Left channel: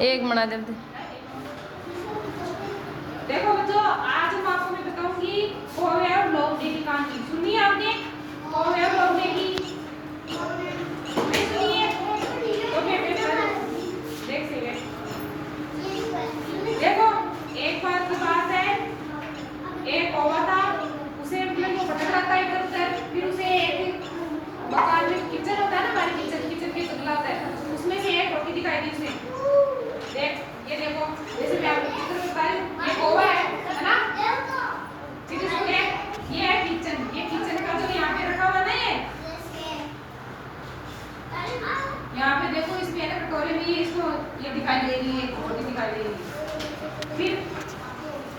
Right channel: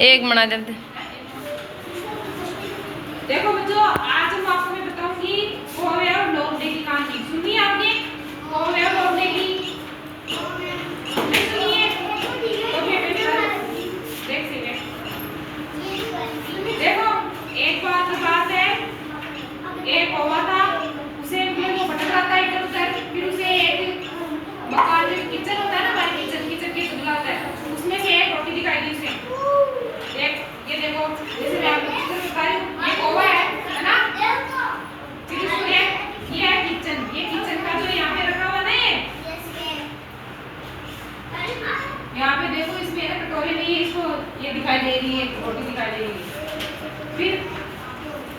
एक बना देते। देखो बच्चों, आज हम आपको मैं बताऊंगी कौवे और लोमड़ी की कहानी। सुनी आपने कौवे और लोमड़ी की? सुनिए तो देख से देखो, एक बार की बात है, एक कौवा था, उसे मतलब वो भटक रहा था इधर उधर, फिर उसे एक मकान में किचन होता है ना, हमारे किचन के जंगला होता है, उसमें से एक रोटी दिखाई दी उसे। देख ये देखो, जैसे मैं आपको किचन दिखा रही हूँ, ये कौवा है ना? फिर इसमें ये है किचन, ये किचन का जो यहाँ पे रखा हुआ नहीं है, यहाँ पे देखो इसमें ना कटोरे में इसको ये दिखाई दे रही है, रोटी दिखाई दे रही है। फिर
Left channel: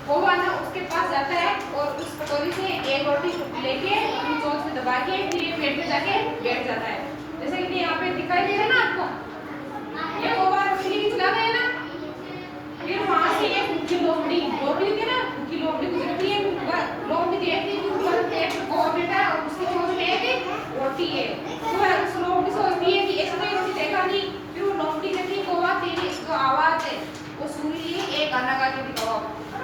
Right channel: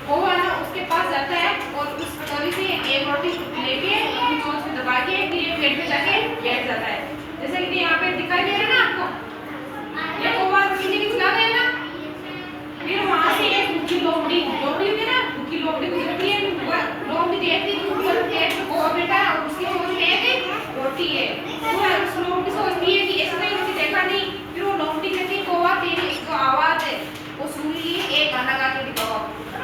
कौवा ना उसके पास जाता है और उस कटोरी से एक रोटी लेके अपनी चोंच में दबा के फिर ये प्लेट में जाके बैठ जाता है। जैसे कि यहाँ पे दिखाई दे रहा है ना आपको, ये कौवा रोटी लेके चला गया ना, फिर वहां से एक भूखी लोमड़ी होती है ना, भूखी लोमड़ी गुजरती है, लोमड़ी देखती है कि ऊपर प्लेट में कौवा बैठा है और उसकी चोंच में एक रोटी है। तो उस लोमड़ी सोचती है कि ऐसा कोई रोटी देखा नहीं। फिर वो लोमड़ी कहती है कौवा तेरी जो आवाज है वो सुन ली, एक गाना गा के दिखाओ।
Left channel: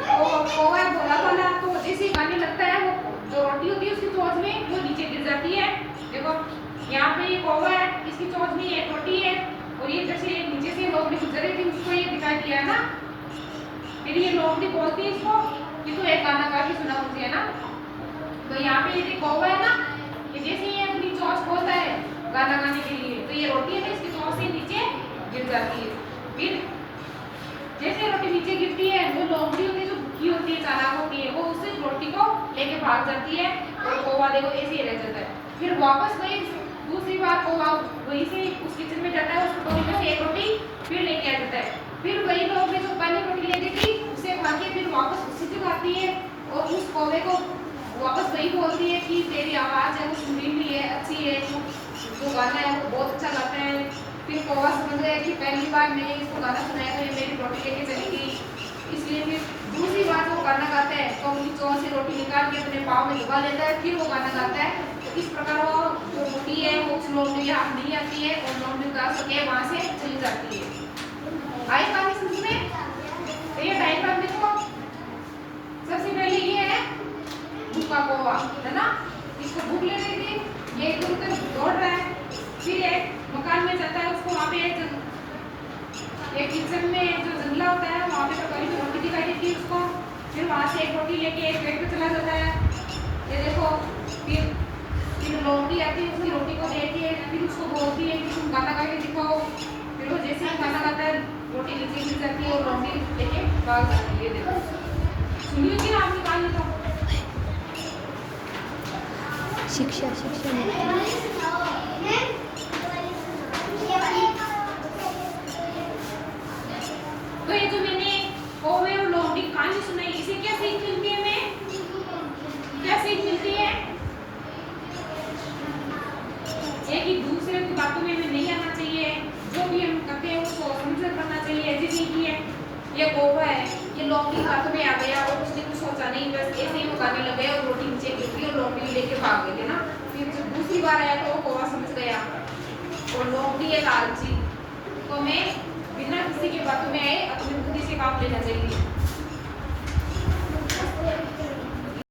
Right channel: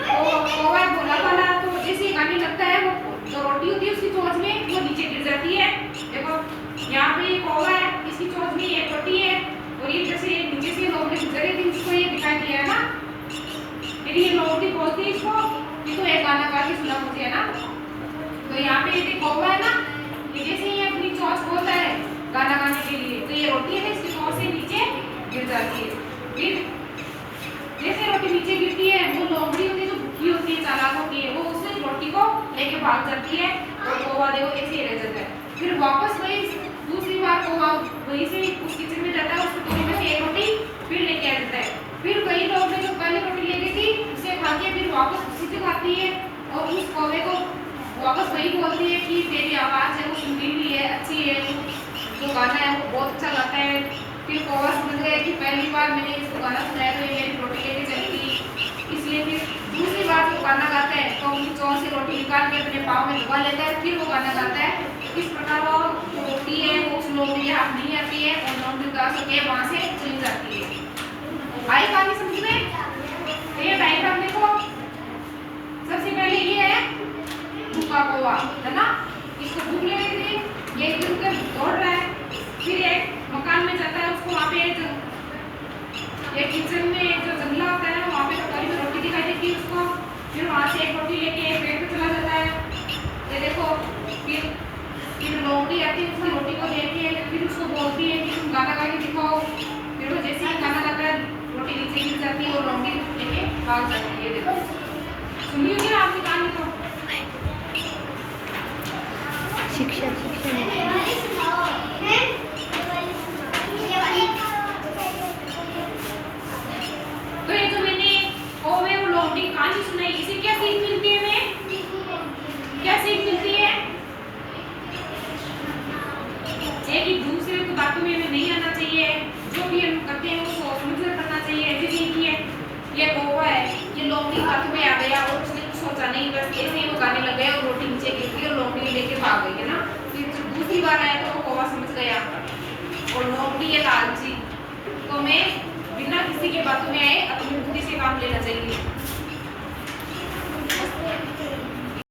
कौवा भोला वाला, तो जैसे गाने लगता है वो जो रोटी होती है उसकी चोंच में वो नीचे गिर जाती है। देखो यहाँ पे ये कौवा है, इसकी चोंच में एक रोटी है और ये जैसे नीचे से लोमड़ी गुजर रही थी उसको ये दिखाई दिया है ना। फिर ये लोमड़ी बोलती है इसको एक गाना गा के सुना मुझे है ना। तो यहाँ पे ये कौवा है ना, ये जैसे ये अपनी चोंच खोलता है गाना गाने के लिए, तो ये रोटी है ना इसकी चोंच से नीचे गिर जाती है। फिर जैसे रोटी नीचे गिरती है, वो लोमड़ी होती है जो भूखी होती है, चालाक होती है, वो उस रोटी को लेके भाग जाती है और कौवा देखो ऐसे ही रह जाता है। फिर वापस वही दूसरी बार कौवा वहीं से उस किचन में जाता है, उस कटोरी में से एक रोटी फिर लेके आ जाता है। फिर वही लोमड़ी जो पहले रोटी लेके थी उसे खा के फिर वापस उसी से खाती है और उस कौवे को वापस वही बोलती है कि तेरी आवाज है वो सुरीली है, अच्छी है, जो गाना है वो बहुत अच्छा गाता है। फिर कौवा समझ गया कि पहली बार मैंने इसको गाना सुनाया तो ये मेरी रोटी लेके चली थी, इसलिए फिर दूसरी बार जो गाना गाता है तो उनकी चोंच से रोटी निकाल के अपने पाँव में दबा लेता है, फिर वो गाना गाता है। इस प्रकार वो जो रोटी है वो उस लोमड़ी के हाथ नहीं आती है और लोमड़ी उदास होकर वहाँ से चली जाती है। आई कहानी समझ में? तो ये पहली बात देखो, सबसे पहले ये है भूखा कौवा है ना, इसको भूख लग रही थी, ये इधर उधर दौड़ रहा है। फिर एक मकान में जाता है, उसको वहाँ पे एक किचन में जो जंगला होता है ना वहाँ पे कटोरी में रोटी दिखाई देती है उसको। फिर वहाँ से एक रोटी लेके एक पेट में चला जाता है। ये देखो फिर लोमड़ी आती है, उसकी रोटी को देती है, फिर उसको बोलती है कि तुम गाना गा के दिखाओ। फिर वो जैसे ही गाना गाता है रोटी नीचे गिर जाती है और लोमड़ी लेके भाग जाती है। देखो सुनिए क्या आपने कहानी को? शिक्षा तो ये जो मैंने कौवे और लोमड़ी कहानी सुनाई, इसे क्या सीख मिलती है? हमें क्या सीख मिलती है? एक दूसरे की बातों में हमें नहीं आना चाहिए, जो भी हम करते हैं उसको समझकर करना चाहिए। जैसे कि ये कौवा है, ये लोमड़ी की बातों में आ गया और उसने कुछ सोचा नहीं, बस ऐसे ही वो गाने लग गया और रोटी नीचे गिर गई और लोमड़ी लेके भाग गई है ना। फिर जब दूसरी बार आया तो वो कौवा समझ गया और लोमड़ी है लालची, तो मैं बिना किसी के बातों में आए अपनी बुद्धि से काम लेना चाहिए।